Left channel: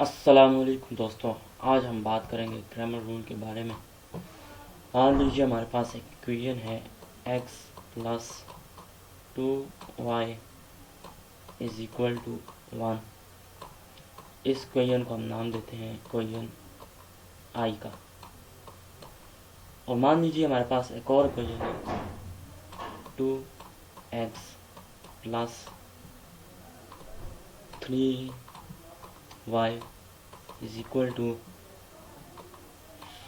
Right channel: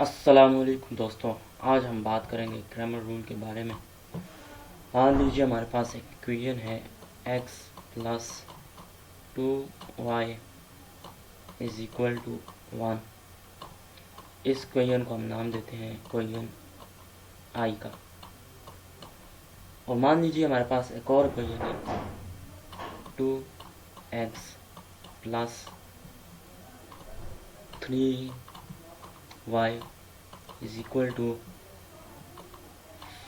अस्सलामुअलैकुम दोस्तों, आज हम बात करेंगे क्रैमर रूल के बारे में। मान लीजिए हमारे पास एक इक्वेशन है x plus 2y is equal to 1। इस इक्वेशन को हम नाम देते हैं इक्वेशन I का। और मान लीजिए हमारे पास एक और इक्वेशन है 2x plus 3y is equal to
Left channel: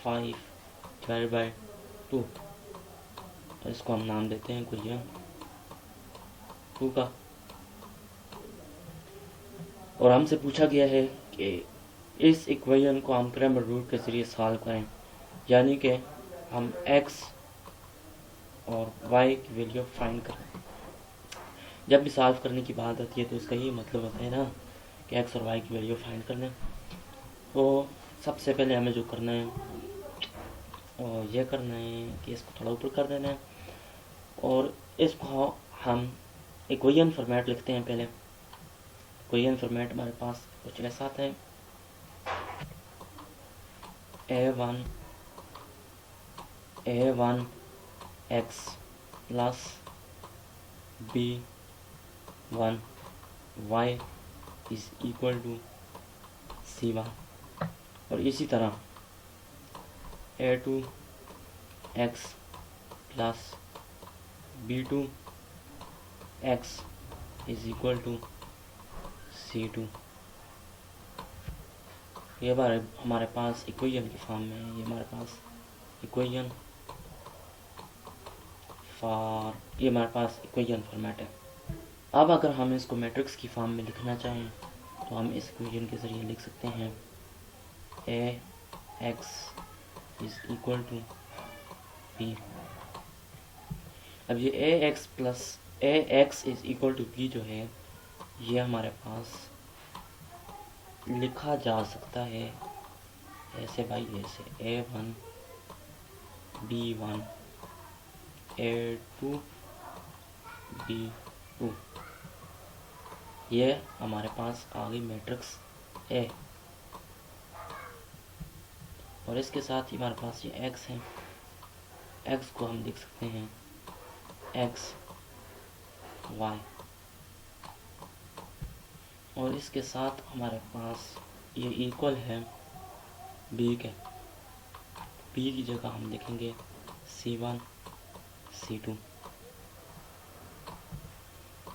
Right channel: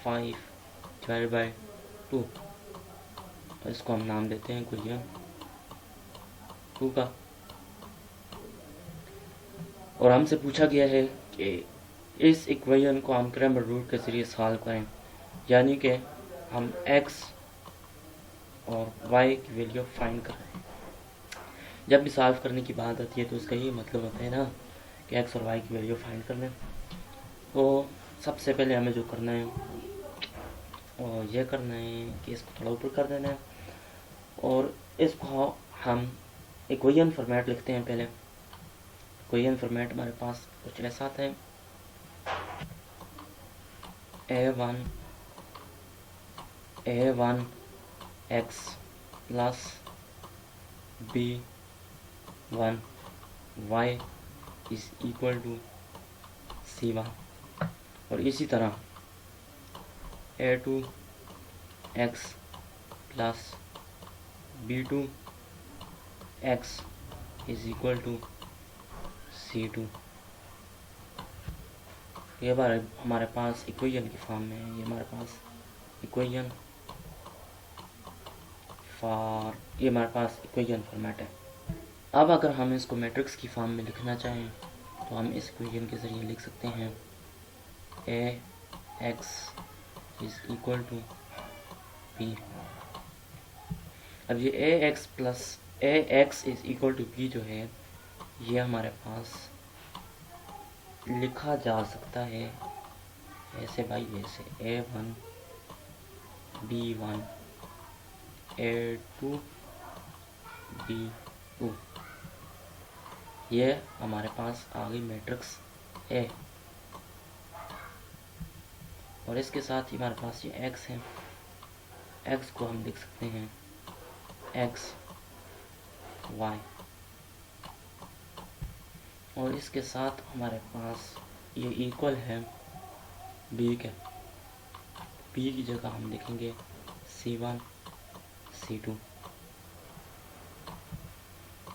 5/2। तो इसको हम नाम देते हैं इक्वेशन 2 का। और हमसे पूछा गया है कि इस इक्वेशन को हम क्रैमर रूल के ज़रिए सॉल्व करें, यानी कि हम x और y की वैल्यू फाइंड करें। जब भी सॉल्व करने की बात आती है तो इसका ये मतलब होता है ना कि x और y की वैल्यू फाइंड करना। तो सबसे पहले हमें जो करना है और ये करना है कि इसको थोड़ा ऊपर कर देना है और इसको हम इक्वेशन फॉर्मेट लिखते हैं। पहले इक्वेशन फॉर्मेट हमारे पास कुछ ऐसा आता है a1 x plus b1 y is equal to c1। और इसी तरह a2 x plus b2 x is equal to c2। ये हमारे पास इक्वेशन की फॉर्म में है। ये हमारे पास इक्वेशन फॉर्मेट है। अब अगर हम इसको मैट्रिक्स की फॉर्म में लिखना चाहें तो हम इस इक्वेशन के ज़रिए लिख सकते हैं ax is equal to b। अब ये ax is equal to b जो है ये हमारे पास लिखा जा सकता है ऐसे भाई, ऐसे a1 b1 a2 b2। ये हमारे पास आ गई मैट्रिक्स A। और इसके साथ ही हमारे पास ये x है। x को हम लिख सकते हैं x y। और इसके साथ हमारे पास ये इक्वल है b के। b की जगह हम लिखेंगे c1 c2।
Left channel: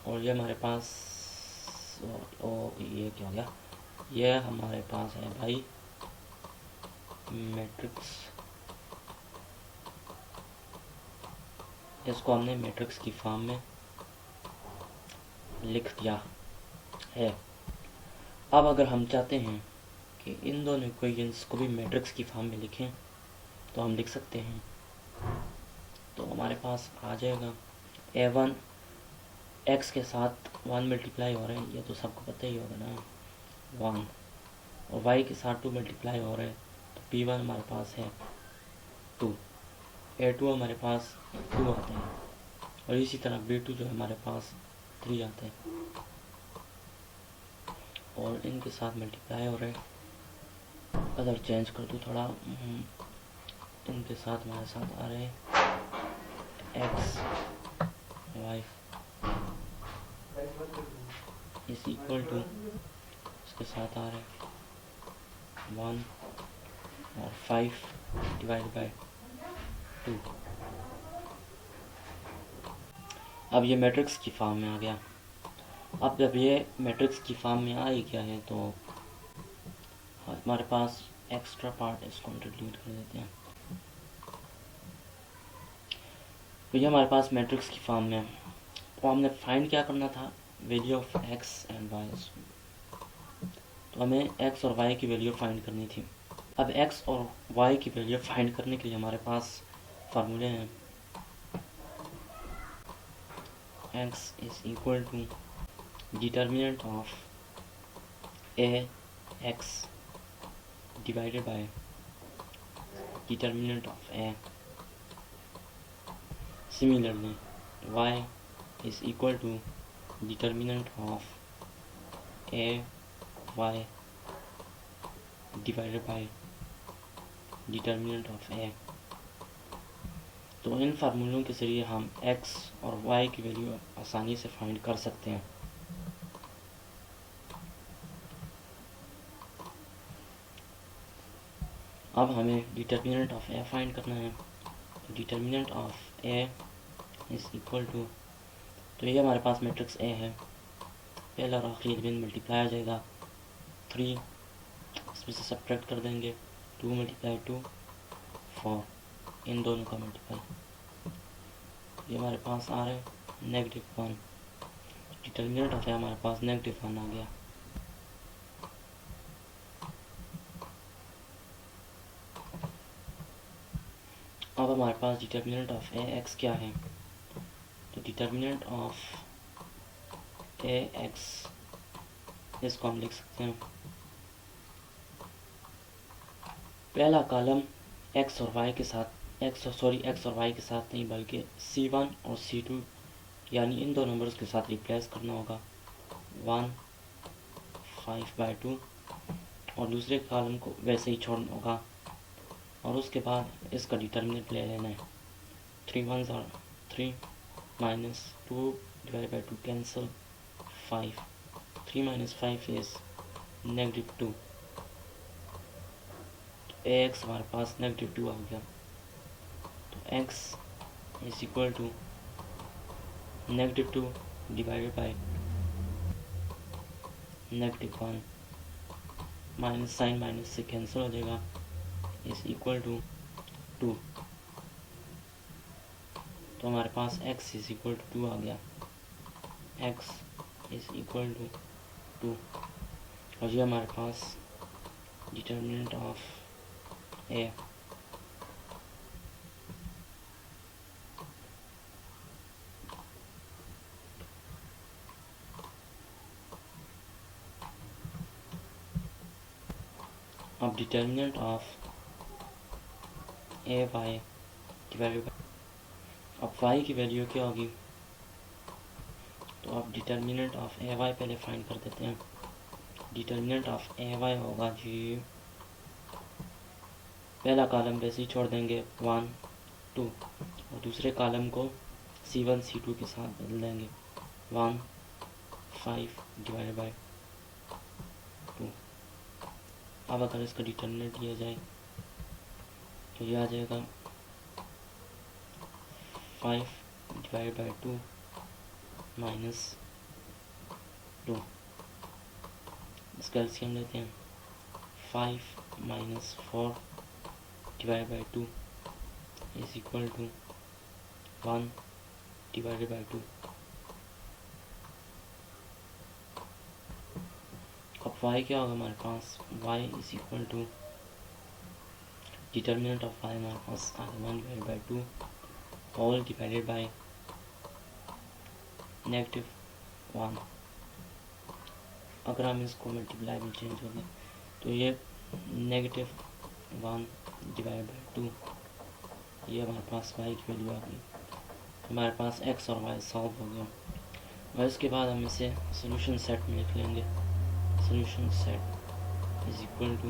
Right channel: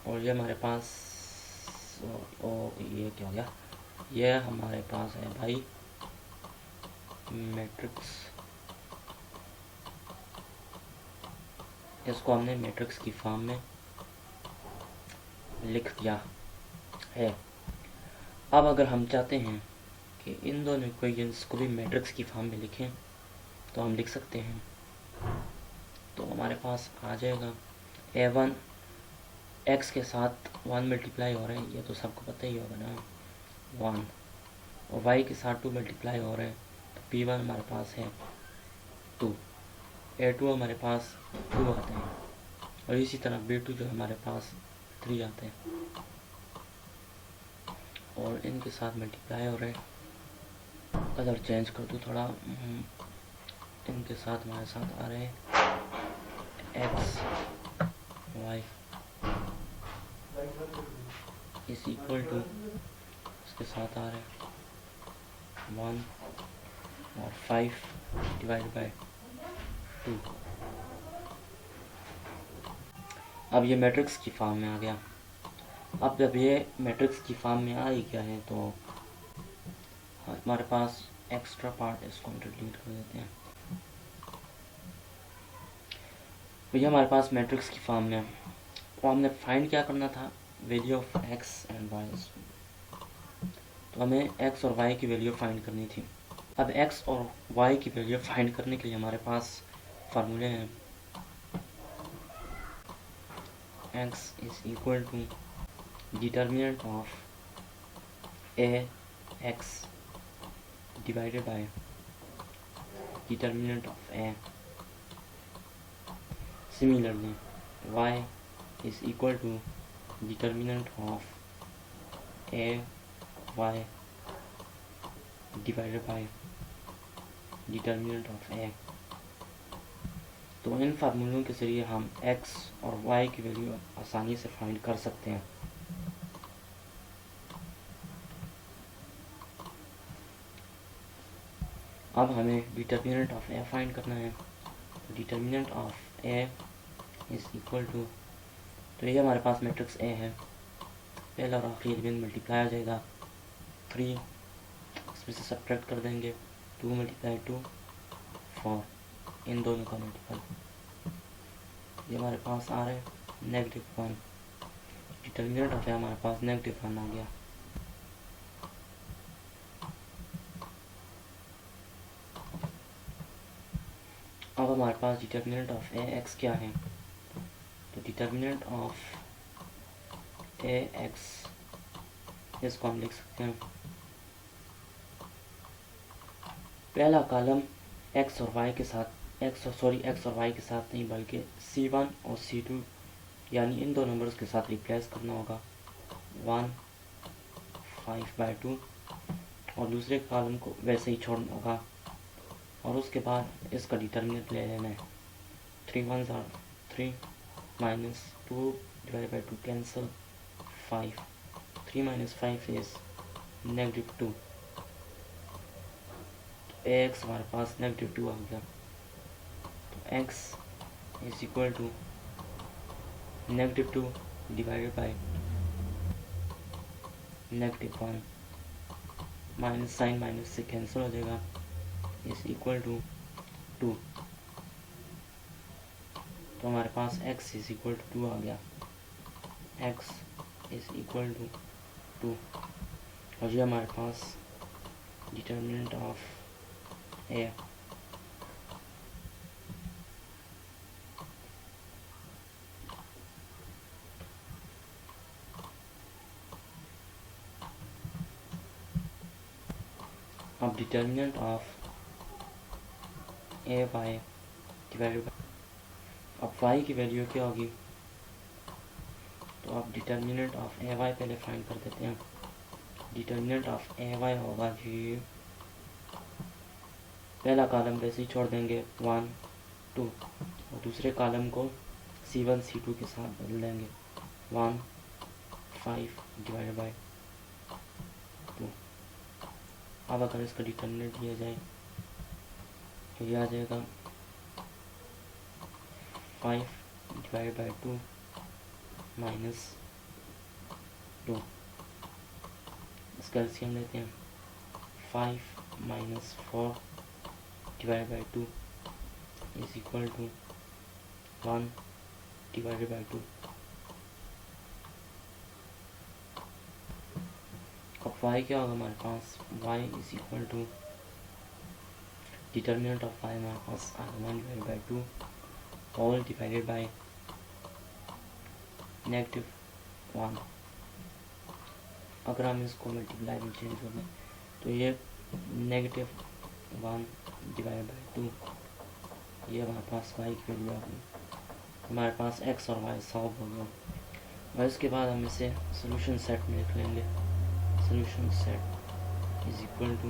और ये हमारे पास ये क्या हो गया, ये हमारे पास है भाई मैट्रिक्स। इसको हमने मैट्रिक्स की फॉर्म में लिख दिया है। अब अगर हम चाहते हैं कि इन दोनों इक्वेशंस को भी मैट्रिक्स की फॉर्म में लिखें तो हम लिख सकते हैं। तो हमारे पास आ जाएगा a1 x के साथ 1 मल्टीप्लाई हो रहा है, ये तो सबको पता ही होगा ना 1। और y के साथ 2 मल्टीप्लाई हो रहा है तो p1 हमारे पास है, तो a2 हमारे पास 2 आते हैं। और इसी तरह b2 जो हमारे पास 3 आते हैं और इनके साथ मल्टीप्लाई हो रहे हैं। कलर चेंज कर दूँ थोड़ा, इनके साथ हमारे साथ आ रहे हैं x y is equal to, इसके साथ आ रहे हैं 1 और 5/2। अब ये मैट्रिक्स की फॉर्म में आ गया। अब जब ये मैट्रिक्स की फॉर्म में आ ही गया है तो हमारे पास एक्स्ट्रा पार्ट इसको डिलीट कर देते हैं। तो ये हमारे पास मैट्रिक्स की फॉर्म में, तो हमने फाइंड क्या करना था, value of X and Y. तो हमें एक्स और वाई की वैल्यू फाइंड करनी थी। अब एक्स और वाई की वैल्यू फाइंड करने के लिए हमारे पास फार्मूले हैं। X is equal to determinant of a x divided by determinant of a. Similarly, y is equal to determinant of a y divided by determinant of a. तो इन फार्मूलों के ज़रिए हम x और y की वैल्यू आसानी से फाइंड कर सकते हैं। अब हमें डिटर्मिनेंट ऑफ ए फाइंड करना है। Determinant of A is equal to, तो ये हमारे पास मैट्रिक्स ए है, पहला और आखिरी एलिमेंट मल्टीप्लाई आ जाएगा 3, इसमें से सब्ट्रैक्ट कर देंगे 2 मल्टीप्लाई 2 4, इन दोनों का मल्टीप्लाई, ये हमारे पास आ रहा है -1। डिटर्मिनेंट जो हमारे पास -1 आ गया। अब हमारे पास डिटर्मिनेंट ऑफ ए एक्स क्या है, तो डिटर्मिनेंट ऑफ ए एक्स इसको हम लिख सकते हैं, पहला कॉलम x और y के साथ x और y के साथ नहीं बल्कि c1 और c2 यानी इन दो नंबर्स के साथ रिप्लेस करना होगा 1 5/2, और दूसरे कॉलम को वैसे ही छोड़ना होगा, और उसके बाद इसका डिटर्मिनेंट ले लेना है। 3 1s are 3 minus 2 divided by 2 cancel 5, 3 minus 5 is -2, x हमारे पास -2 हो गया, तो x is equal to -2 divided by -1, minus sign minus से कैंसिल हो जाएगा, इज इक्वल टू 2, तो हमारे पास x इज इक्वल टू 2 आ गया। x इज इक्वल टू 2, और ये हमारे पास डिटर्मिनेंट ऑफ ए। अब determinant of A Y divided, अब y की वैल्यू क्या होगी, तो अब डिटर्मिनेंट ऑफ ए वाई पहले फाइंड कर देते हैं। डिटर्मिनेंट ऑफ ए वाई होगा जी, पहला कॉलम वैसे ही छोड़ देंगे 1 2, दूसरे कॉलम को c1 c2 के साथ बदल देंगे 1 5 डिवाइडेड बाई 2। अब अगर इसका डिटर्मिनेंट लिया जाए तो ये आ जाएगा 5 डिवाइडेड बाई 2 माइनस 2, इसका एलसीएम लेते हैं 5 minus 4 divided by 2 is equal to 1 divided by 2। अब y क्या होगा हमारे पास, y is equal to determinant of y हमारे पास 1 divided by 2 all divided by -1। अगर हम इसको मल्टीप्लाई में चेंज हो गए तो ये -1 डिवाइडेड बाई 2, ये हमारे पास y की वैल्यू आ गई। हमारे पास x और y सॉल्व हो गया, और इसके बाद हम इसे सोल्यूशन सेट में लिख लेंगे। Solution set is equal to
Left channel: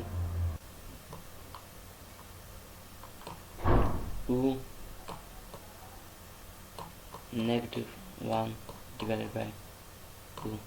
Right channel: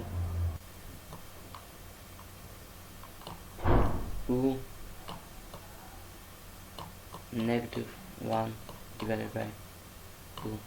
2 -1 divided by 2।